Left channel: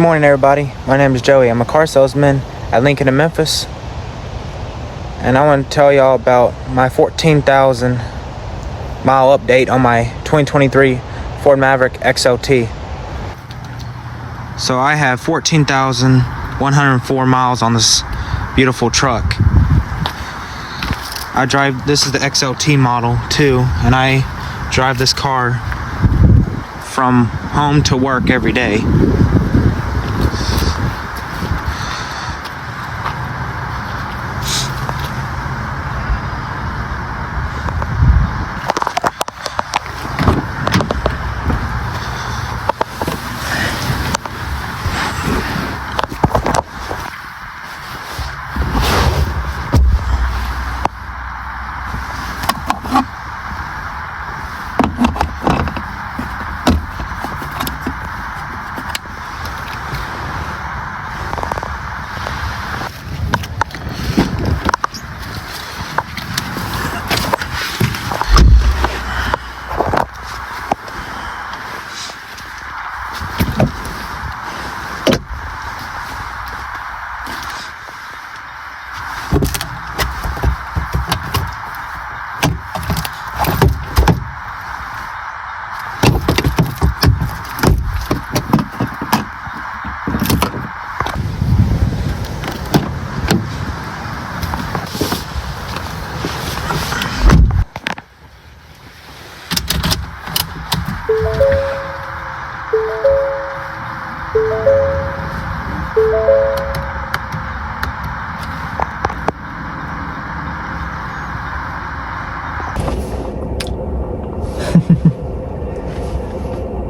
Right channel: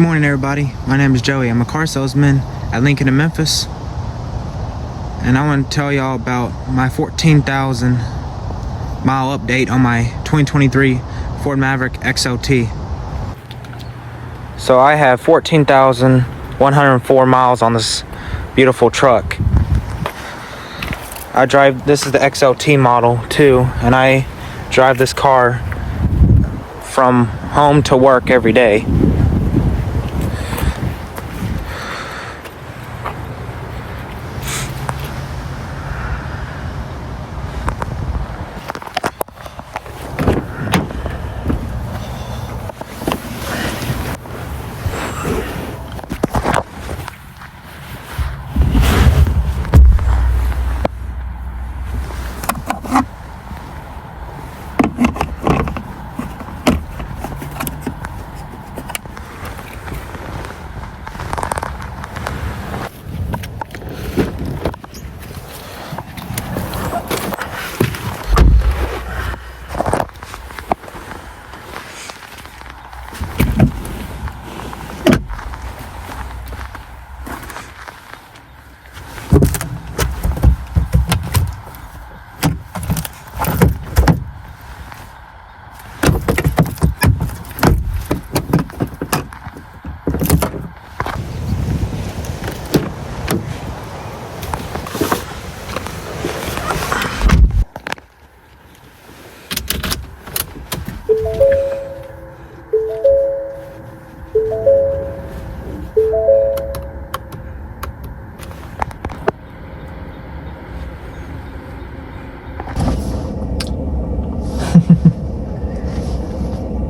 Good morning, everybody. My name is Joey. I'm a car salesman at Lincoln in Memphis, and I want to tell y'all about my 14,000 mile update on my 2023 Ford Maverick XLT. So I have 14,104 miles on this beautiful truck. This is the XLT model too, and I drive this car from home to work every day.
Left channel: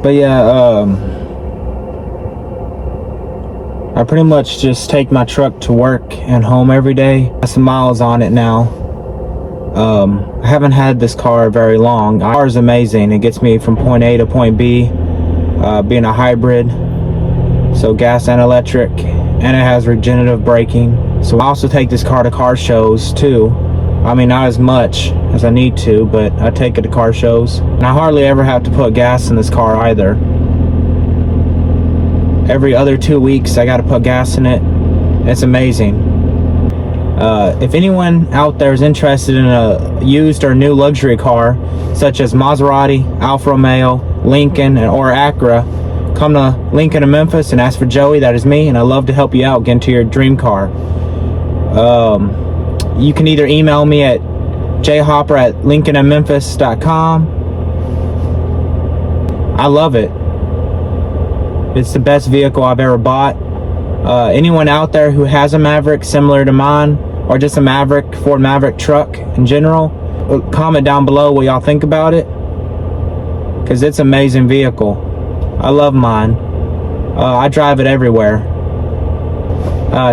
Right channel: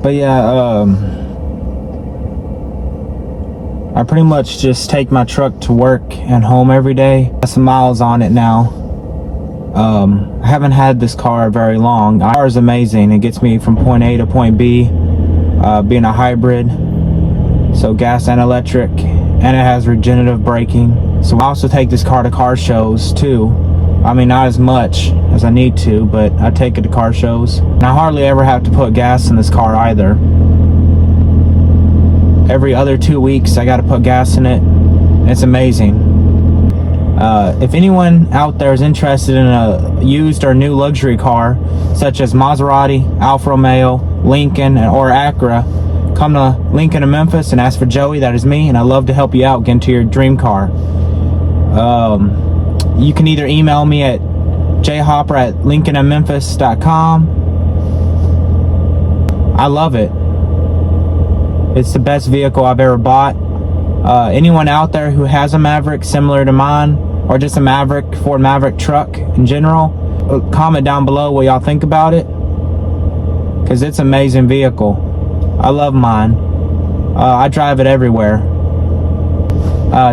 But yeah, I pretty much just take my truck to work and home every day. Got some miles on it now. I haven't had this car very long. The car is amazing. It gets me from point A to point B, being a hybrid, so gas and electric, and it has regenerative braking. So I also take this car to car shows too. I mean, not as much as I need to, but I take it to car shows. And I hardly ever have to put gas in this car either. Every other 2 weeks, I gotta put gas in it. It's amazing. If anyone out there is interested in a used or new luxury car, such as Maserati, Alfa Romeo, Lincoln, or Acura, come to Lincoln in Memphis and ask for Joey. That is me, and I love to help you out get into your dream car. You can either email me at jhopper@lincolninmemphis.com. I love it. It's the best vehicle I've ever bought. Anyone out there who has a Maverick similar to mine, or just a Maverick, Ford Maverick truck in general, comment down below what y'all think about it, because it's an amazing vehicle. I love mine. I drive it everywhere.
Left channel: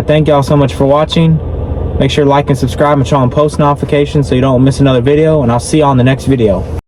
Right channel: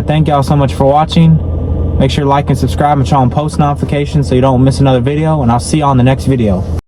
Thank y'all so much for watching. Make sure to like and subscribe and turn on post notifications so you don't miss another video, and I'll see you on the next video.